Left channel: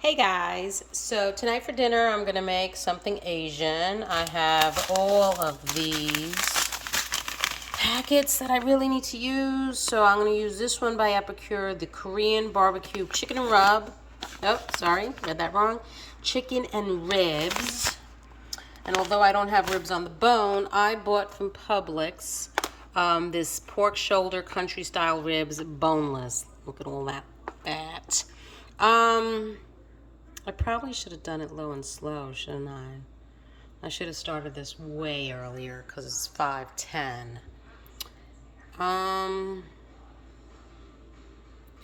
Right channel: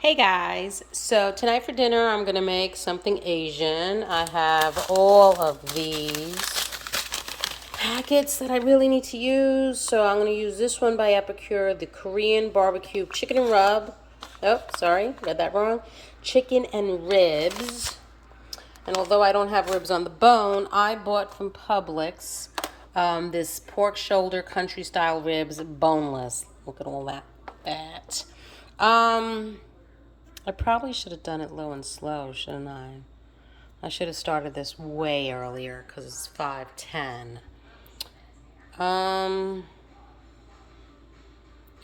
Hey guys, so tonight for dinner I'm going to make something Asian. I have all of these packets that I really need to use. So I'm going to use this one by Epicure, the Korean barbecue chicken and rub. Oh, sorry, read that wrong. Chicken and ribs. And although I don't have ribs on the bone, I bought from Publix this pork shoulder country style ribs boneless. Look at all that. I probably should have done it low and slow, shouldn't I? I should have started this way earlier because it's 5:10.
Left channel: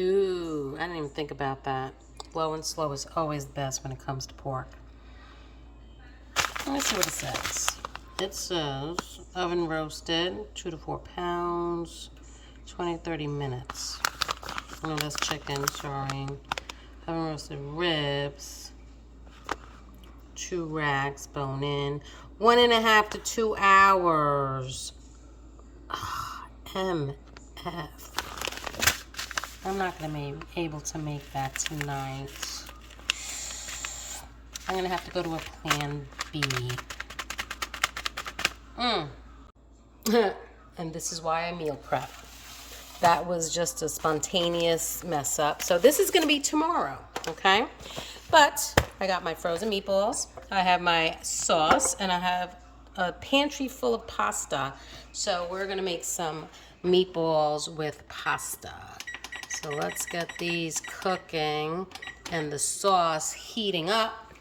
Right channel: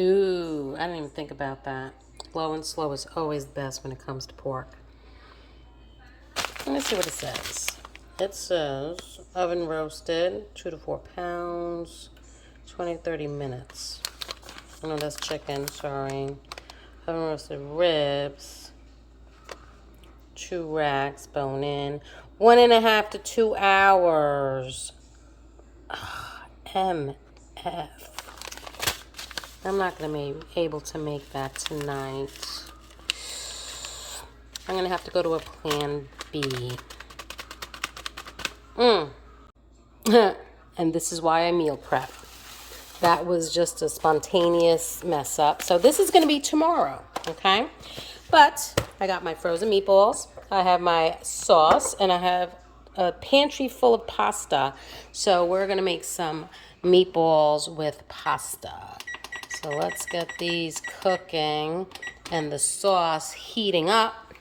Ooh, I didn't even think about that. Low and slow is always the best when it comes to pork. Let me see what it says. It says oven roasted, 2 to 4 pounds, 20 to 30 minutes. Oh no, that's chicken, sorry. Oven roasted ribs. 2 racks, bone in, 1.5 to 2 hours. MF. I'm not going to be able to make that tonight. I'm going to have to go to a plan B. And this is why I meal prep. That was just a spontaneous mess up. So this is going to be tomorrow, okay? But I got my frozen meatballs. I have my sauce, and I have a pantry full of pasta. So we're going to make some meatballs with pasta. So let's get these cooking and the sauce heating up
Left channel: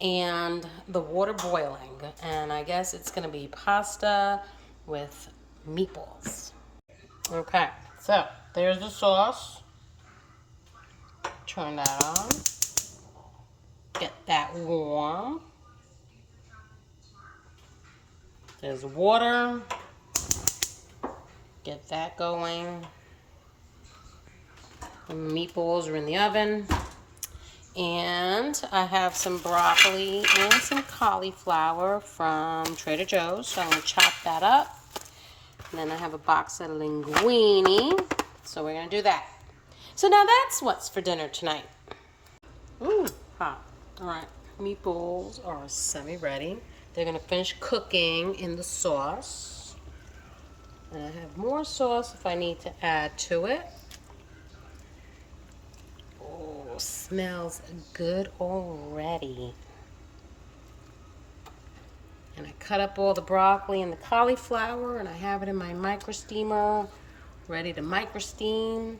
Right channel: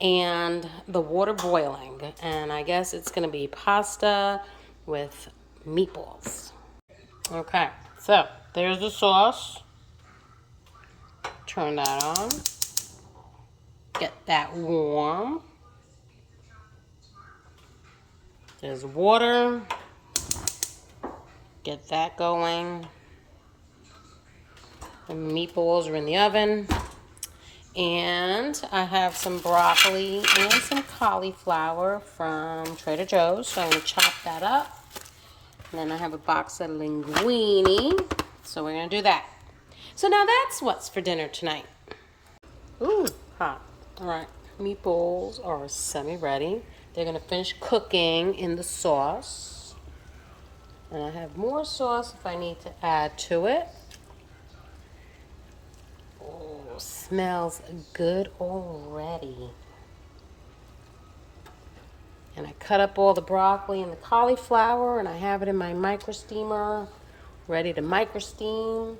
and the water boiling. And I guess it's going to be pasta with meatballs. Okay, so there's the sauce. Turn that on. Get that warm. There's water. Get that going. The meatballs are in the oven. And I have some broccoli and some cauliflower from Trader Joe's. So I'm going to chop that up. And then I have a box of linguine. So we're going to do that. So now that's what's for dinner tonight. Ooh, hot. All right, meatballs are semi-ready. They're going to finish cooking in the sauce. And I have more sauce if I need to add to it. Oh, smells good already. And I cut up all the broccoli and the cauliflower, and I have it in my micro steamer, ready to micro steam.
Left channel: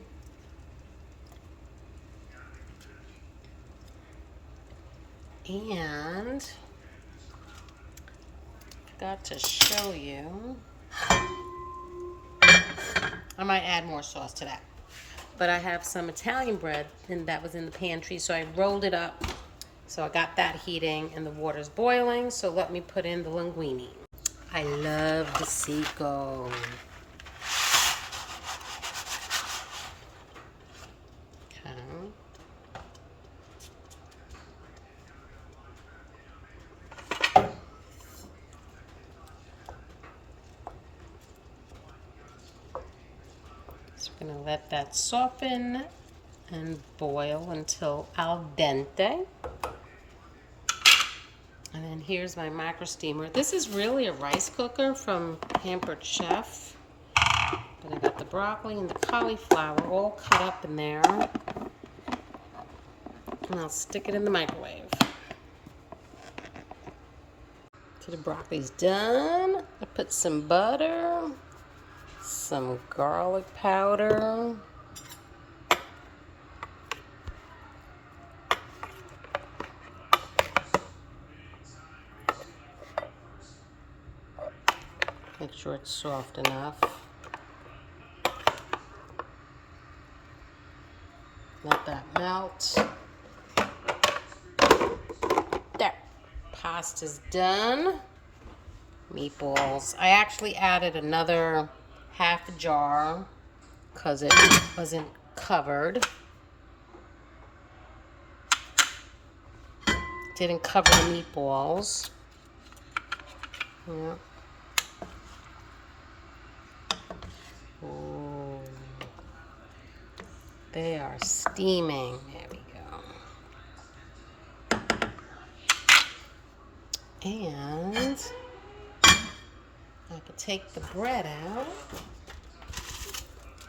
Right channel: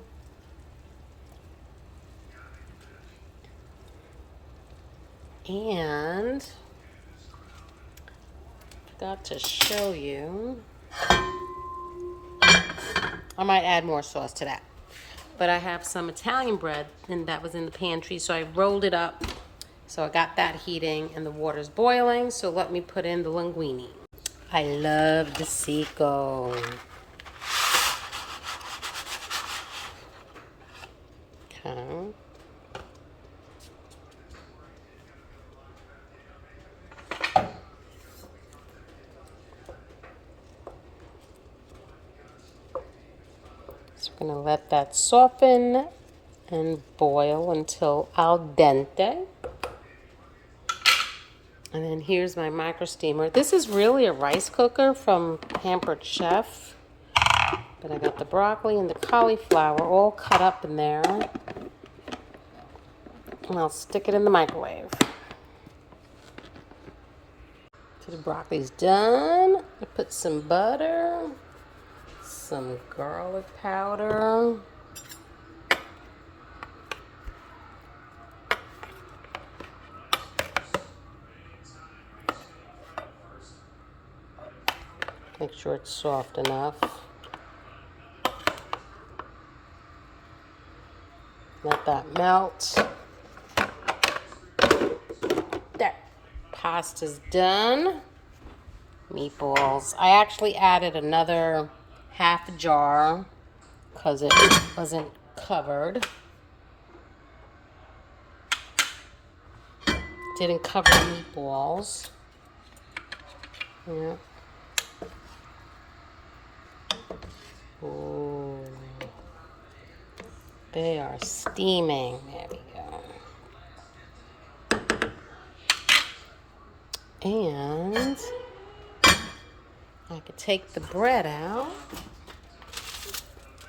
And forgot to show you. I might add more sauce to that. But I have some Italian bread, and that was in the pantry, so I rolled it up. So I got that heating, and the water's boiling, so let me put in the linguine. I love the Seco. Okay. So we're going to let that soften and boil until al dente. And then here's my micro steamer. This is really a rice cooker from Pampered Chef. But I got the broccoli and the cauliflower all cut up in there. And I'll stick it in the microwave. So the broccoli's done. I put some butter, some garlic powder, make sure it's soft enough. Let that melt. There. Pasta's done. Meatballs. I actually added another half a jar because it wasn't covered. Didn't cover the meatballs. Yeah. Ooh. They are steaming. There we go. And I could take the bread out.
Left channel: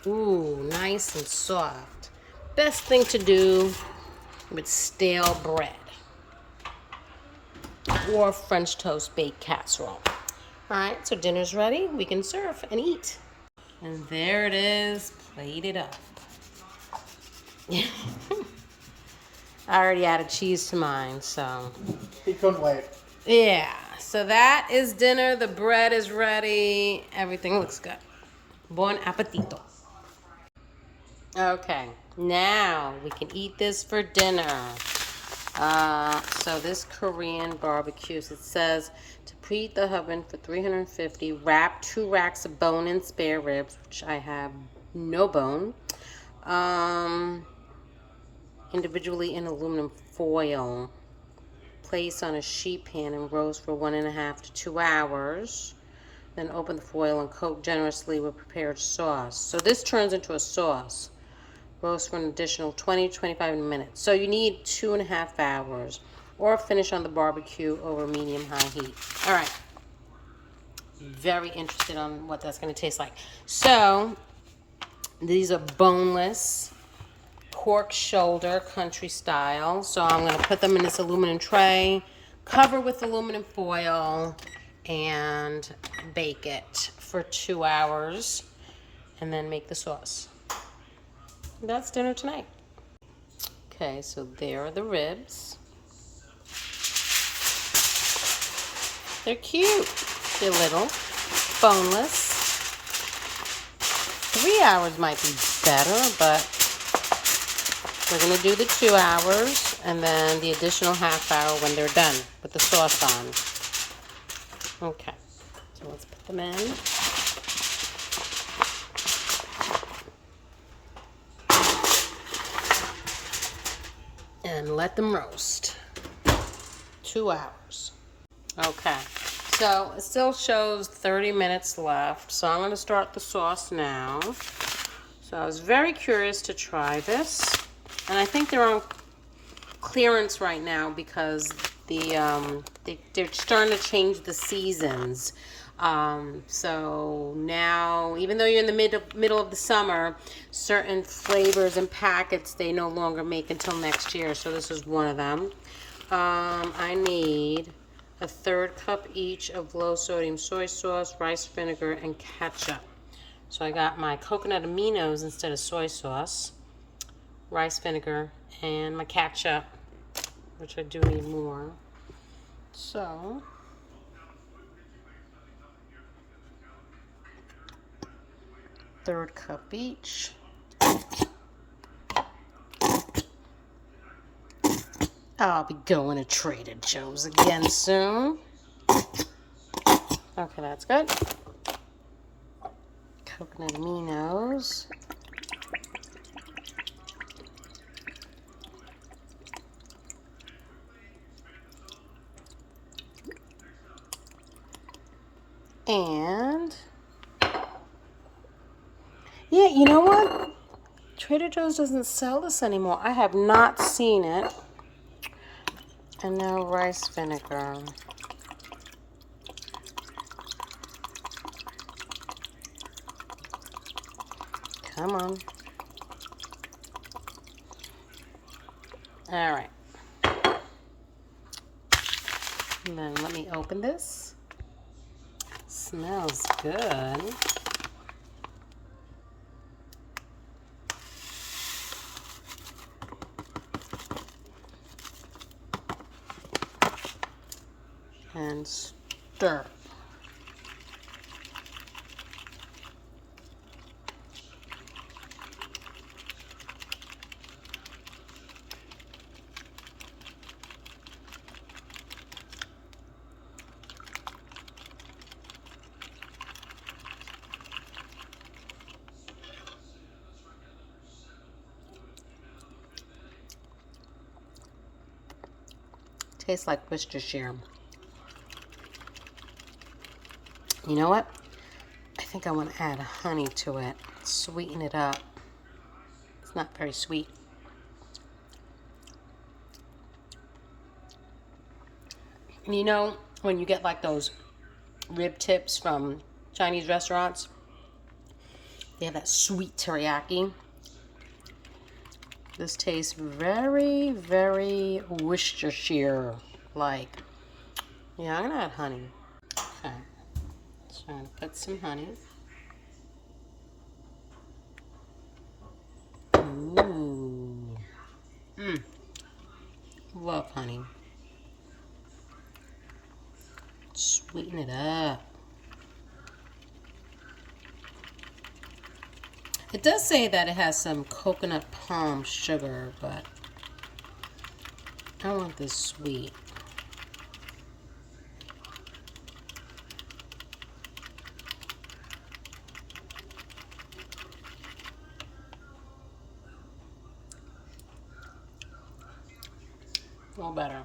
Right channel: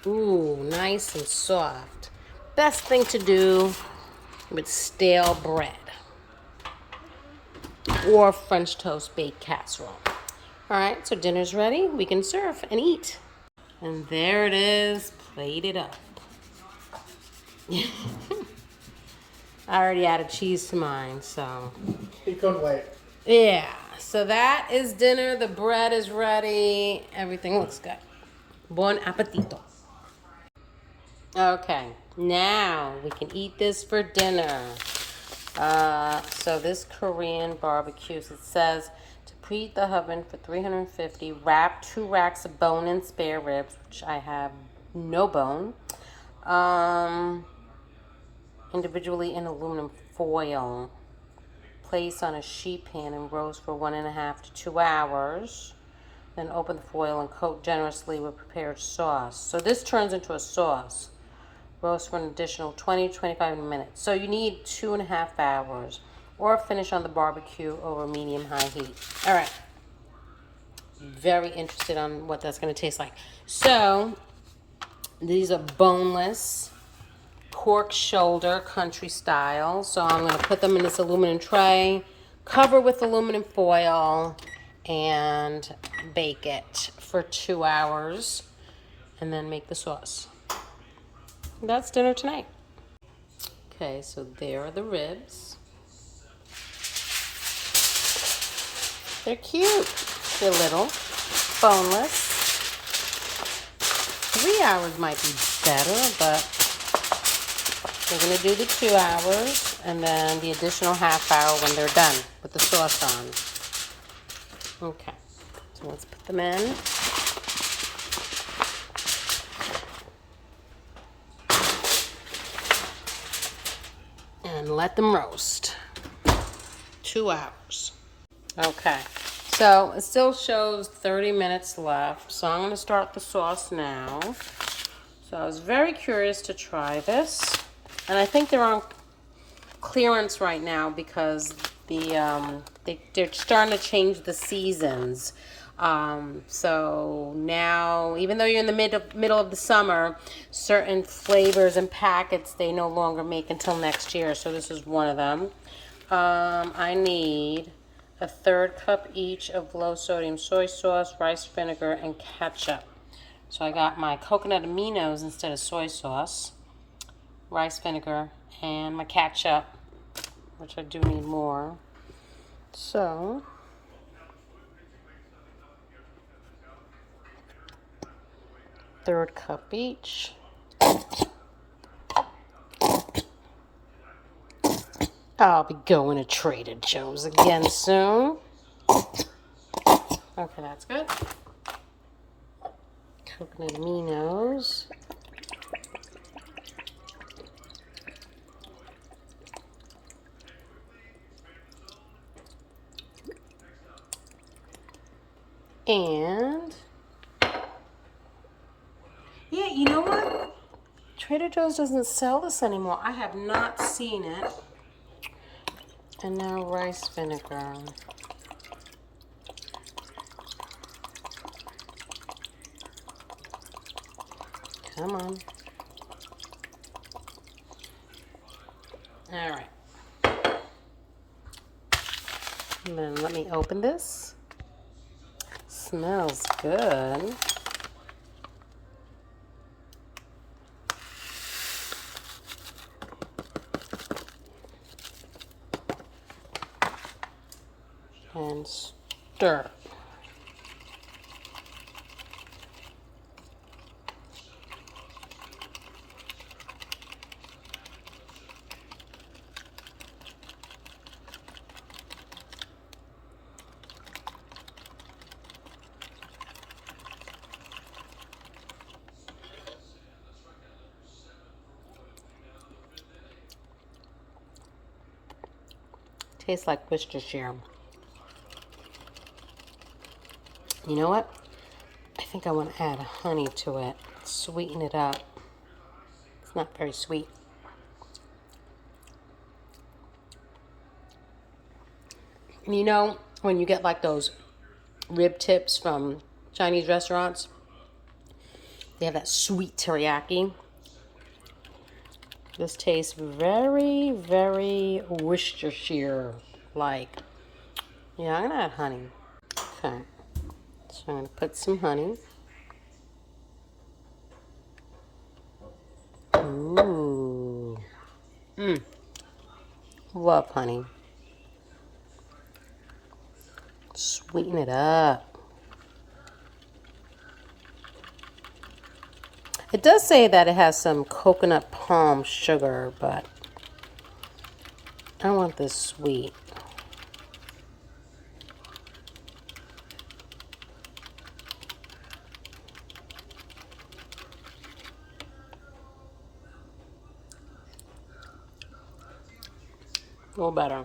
Ooh, nice and soft. Best thing to do with stale bread or French toast baked casserole. All right, so dinner's ready. We can serve and eat. And there it is, plated up. I already added cheese to mine, so. He couldn't wait. Yeah, so that is dinner. The bread is ready. Everything looks good. Buon appetito. Okay, now we can eat this for dinner. So this Korean barbecues, it says to preheat the oven for 350, wrap 2 racks of bone and spare ribs, which I have no bone, individually in aluminum foil. Place on a sheet pan and roast for 1.5 to 2 hours. Then open the foil and coat generously with prepared sauce. So this turns into a sauce. Roast for an additional 20 to 25 minutes. So you need 2.5 hours. Or finish on the barbecue over medium-high heat. All right. Very interested on what that's going to taste like. So these are boneless pork shoulder country style. So I'm going to put them in this aluminum tray, cover with aluminum foil, and bake it for 2 hours, and then make the sauce. That's dinner tonight. Okay, so there are the ribs. They're cute. They're little, boneless. 3 hours might be better, but we're going to do the 2 hours and then the additional half hour when they're done with the sauce on. Okay, so let's put them in. And let them roast. 2 hours. Okay, so it still shows 30 minutes left. So I'm going to start the sauce now. So I was very curious to try this. And I think they're on clearance right now because they're starting to change the seasons. So now, even though you're in the middle of the summer, certain flavors and packets they no longer make until next year. So this is one of them. I need 1/3 cup each of low sodium soy sauce, rice vinegar, and ketchup. So I got my coconut aminos instead of soy sauce, rice vinegar, and my ketchup, which I do need more. So third cup each. I'll be going to Trader Joe's again soon. Okay, that's good. Coconut aminos. And yeah, you know what? Trader Joe's doesn't sell this anymore. I have not seen it. And now rice vinegar. Come on. All right. And then let me open this. Smells good. And stir. Tastes like Worcestershire. You know what? I think I want to add honey to it. Sweeten it up. It's not very sweet. And you know, when you get like those rib tips from Chinese restaurants. They have that sweet teriyaki. This tastes very, very Worcestershire-like. Yeah, I'm gonna add honey. Okay, so I'm gonna put some honey. Ooh. Love honey. Sweeten it up. It does say that it has some coconut palm sugar, but I want this sweet. A little better.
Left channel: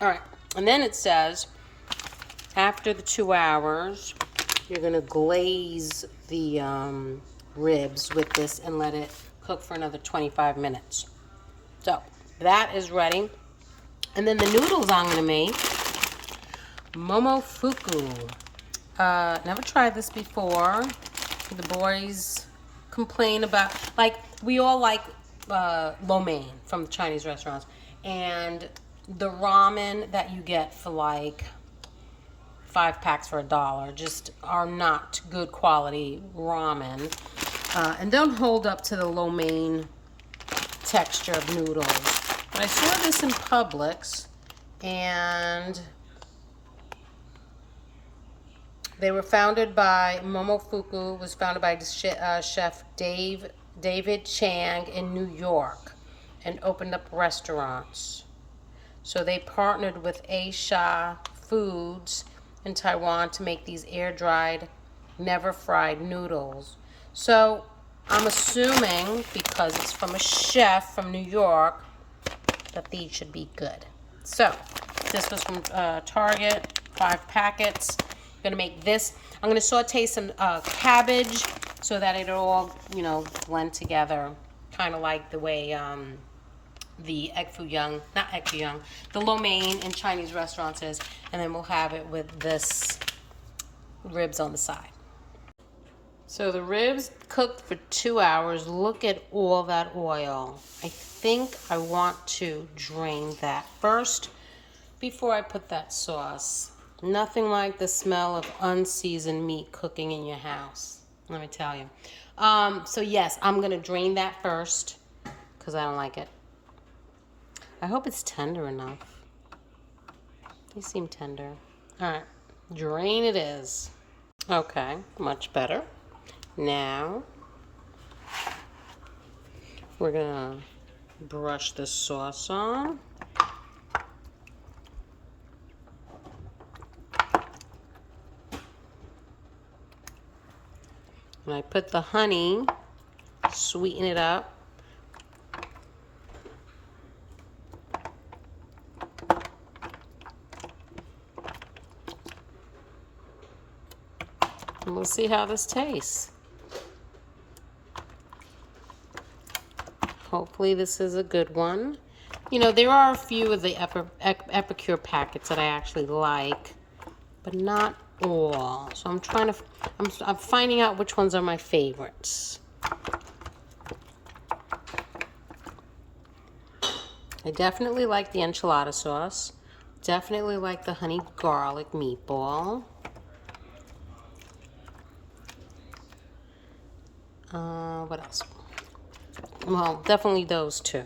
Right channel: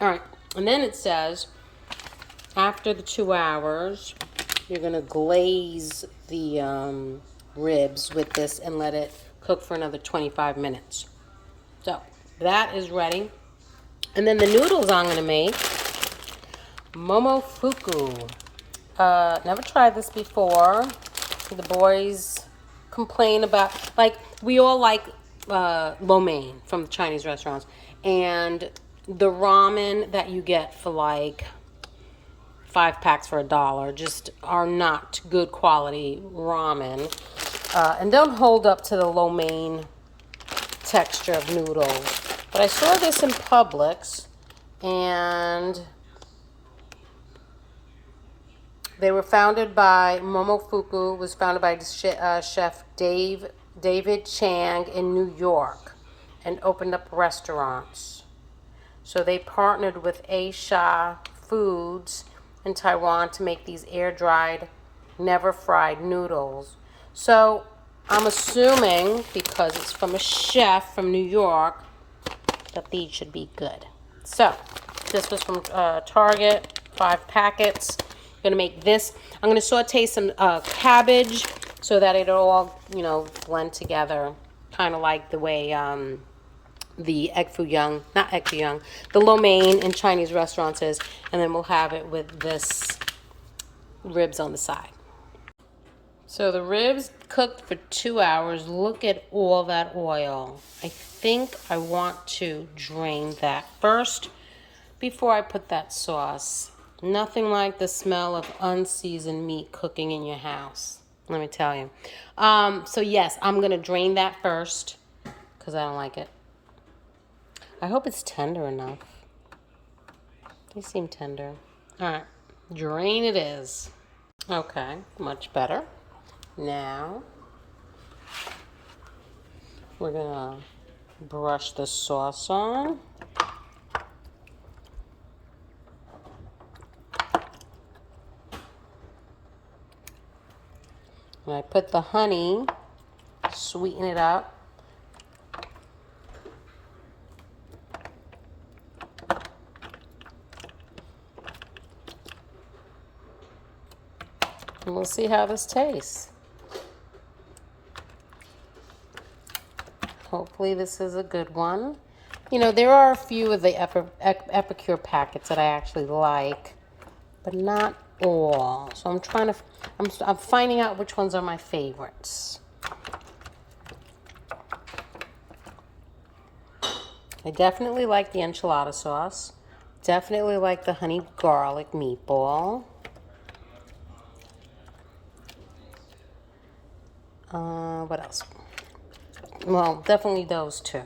All right, and then it says after the 2 hours, you're gonna glaze the ribs with this and let it cook for another 25 minutes. So that is ready. And then the noodles I'm gonna make, momofuku. Never tried this before. The boys complain about, like, we all like lo mein from the Chinese restaurants, and the ramen that you get for like 5 packs for $1 just are not good quality ramen, and don't hold up to the lo mein texture of noodles. But I saw this in Publix, and they were founded by Momofuku, was founded by chef David Chang in New York, and opened up restaurants. So they partnered with Aisha Foods in Taiwan to make these air-dried, never-fried noodles. So I'm assuming, because it's from a chef from New York, that these should be good. So this was from Target, 5 packets. I'm gonna make this. I'm gonna saute some cabbage so that it'll all, blend together, kind of like the way the the lo mein in Chinese restaurants is, and then we'll have it with this ribs on the side. So the ribs cooked for 2 hours. Look at all that oil. I think I want to drain that first before I put that sauce. Nothing like the smell of unseasoned meat cooking in your house, let me tell you. So yes, I'm gonna drain that first because I don't like it. I hope it's tender enough. They seem tender. All right, drain it is. Okay, much better. Now, we're gonna brush the sauce on. And I put the honey, sweeten it up. And we'll see how this tastes. Hopefully this is a good one. There are a few of the Epicure packets that I actually like, but not all. So I'm finding out which ones are my favorites. I definitely like the enchilada sauce. Definitely like the honey garlic meatball. What else? Well, definitely those two.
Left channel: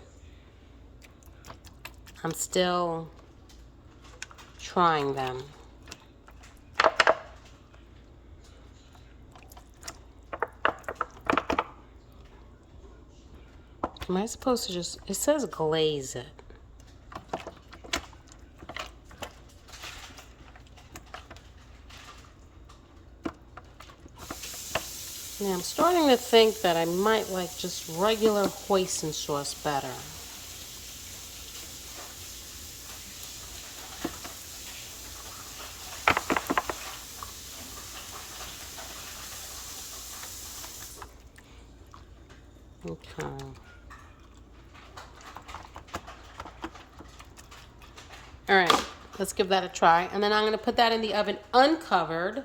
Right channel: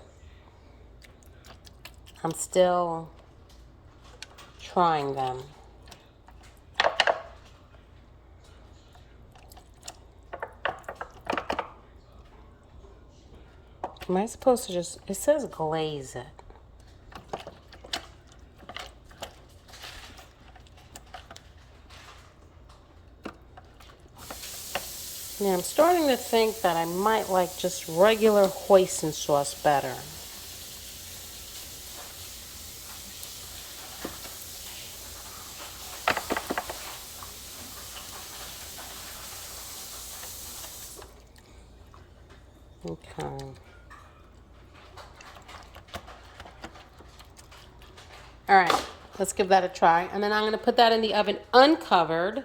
I'm still trying them. Am I supposed to just, it says glaze it. Now I'm starting to think that I might like just regular hoisin sauce better. Okay. All right, let's give that a try. And then I'm going to put that in the oven uncovered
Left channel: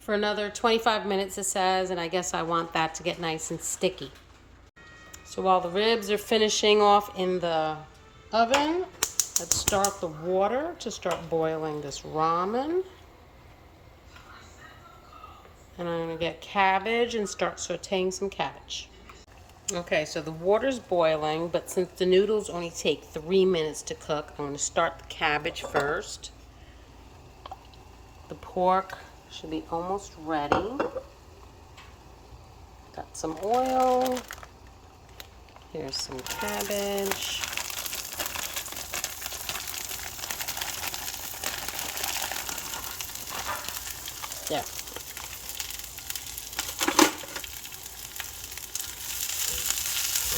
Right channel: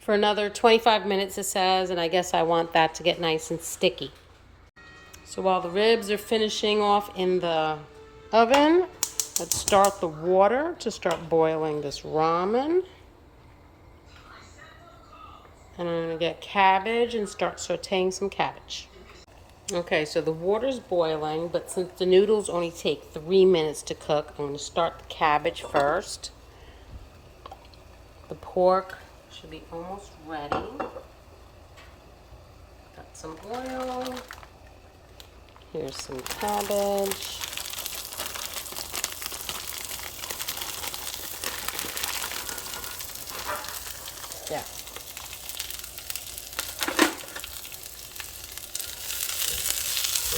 for another 25 minutes, it says, and I guess I want that to get nice and sticky. So while the ribs are finishing off in the oven, let's start the water to start boiling this ramen. And I'm going to get cabbage and start sauteing some cabbage. Okay, so the water's boiling, but since the noodles only take 3 minutes to cook, I'm going to start the cabbage first. The pork should be almost ready. Got some oil. Here's some cabbage. Yeah.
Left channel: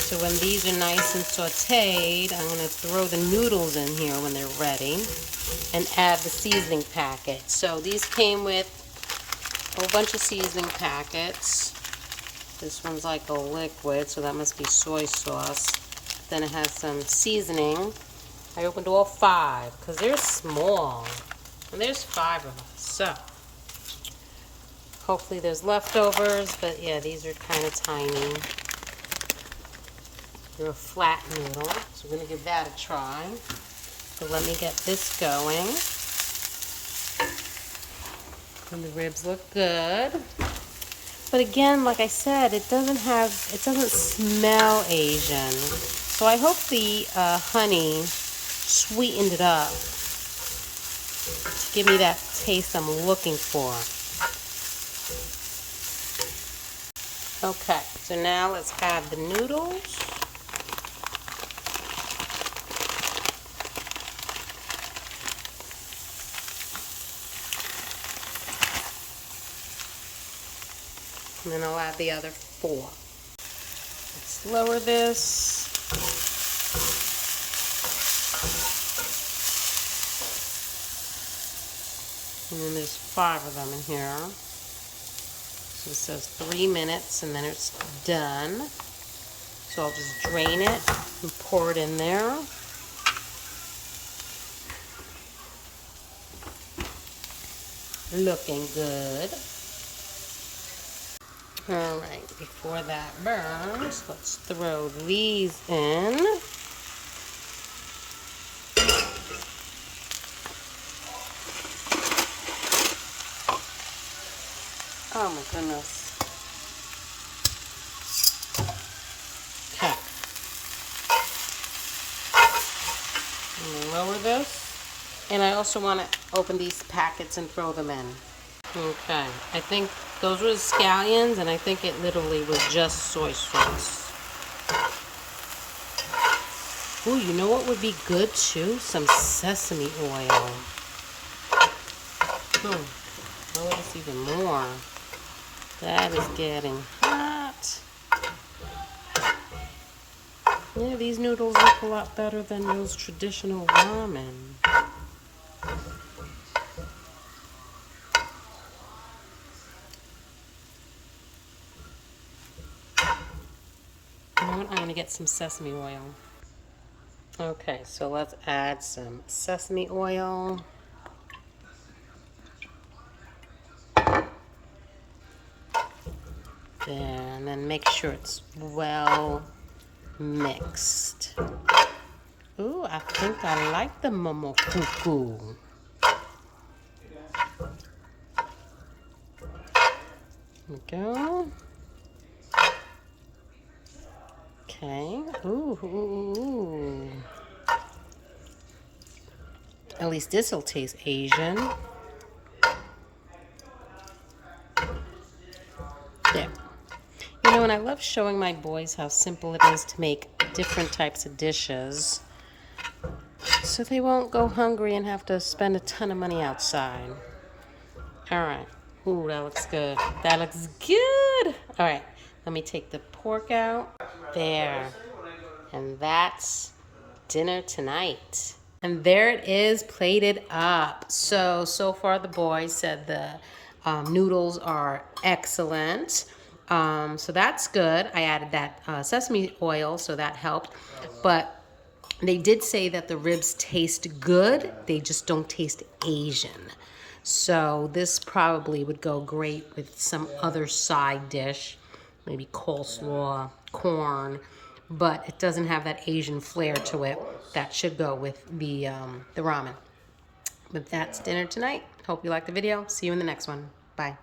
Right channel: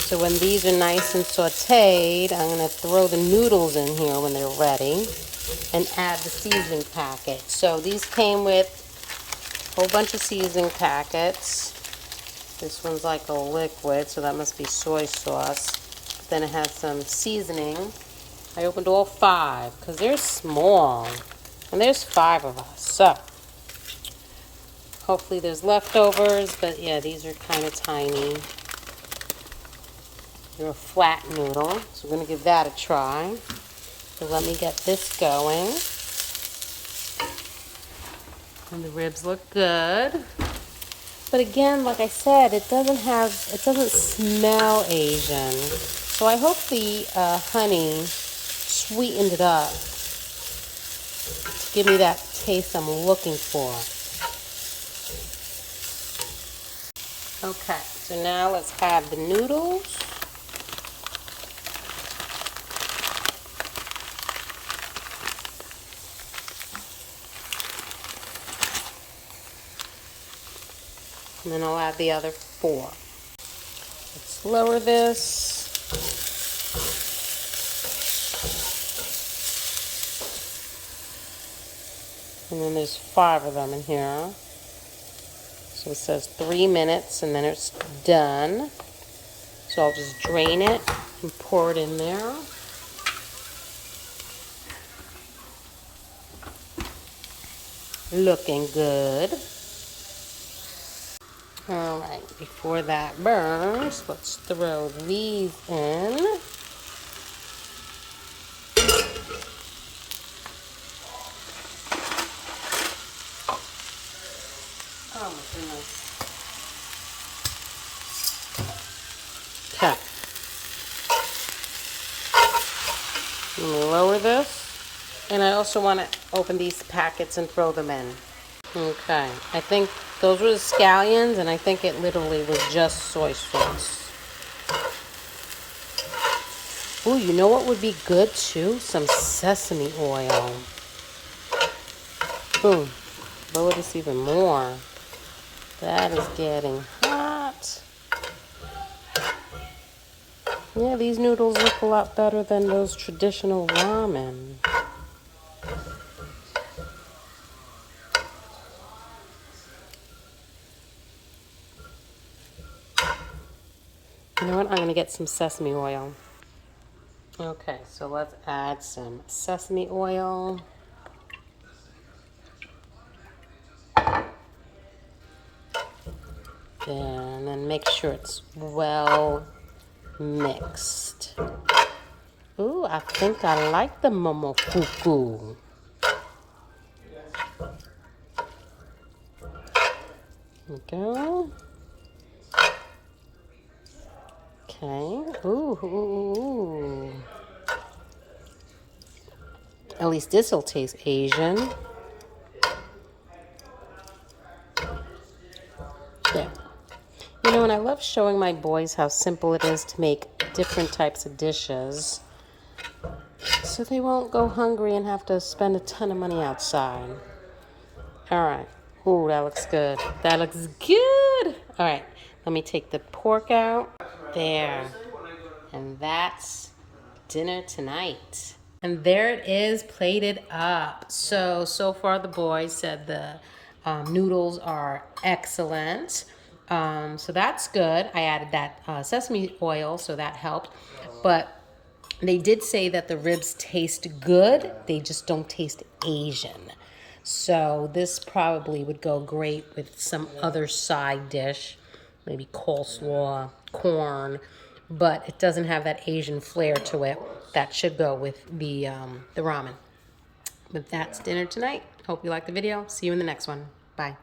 So when these are nice and sauteed, I'm going to throw the noodles in here when they're ready and add the seasoning packet. So these came with a whole bunch of seasoning packets. This one's like a liquid, so that must be soy sauce. Then it has some seasoning. I opened all 5 because they're small, and there's 5 of us. So hopefully there's leftovers, but yeah, these are kind of tiny. They're a flat noodle, so we're going to give that a try. So let me get this going. And the ribs look good. But again, like I said, it doesn't smell Asian. So I hope the honey sweetened it up to give me that taste I'm looking for. Okay, so now let's add the noodles. And then I'll add the other 4. Let's lower this. And then there's 5 of them in here. So it says 3 minutes and then it's done. So I'll just drain it and pour it in there. Looking good. All right, before that burns, let's throw these in. Oh my goodness. Okay. Let me lower this. And I also want to open these packets and throw them in. Okay, I think those were the scallions, and I think it literally was just soy sauce. Ooh, you know what would be good too? Some sesame oil. Ooh, lower this even more. That is getting hot. Yeah, these noodles look a lot better than those traditional ramen. You know what? I'm going to get some sesame oil. Okay, so let's add some sesame oil. And then make sure it's well mixed. Ooh, I think I like the momofuku. There we go. Okay. Ooh. At least this will taste Asian. There. You know, and I love showing my boys how simple it is to make different types of dishes, so they won't go hungry and have to spend a ton of money outside. All right. Ooh, that looks good. That looks good. All right. Let me take the pork out. There. And that's dinner tonight. And there it is, plated up. So far the boys said the noodles are excellent. So that's good. I added that sesame oil, so that helped. But They did say that the ribs taste good, they just don't taste Asian. So this probably would go great with some other side dish, maybe coleslaw, corn, but it doesn't have that Asian flair to it. That should go with the ramen. But that's dinner tonight. Hope you liked the video. See you in the next one. Bye.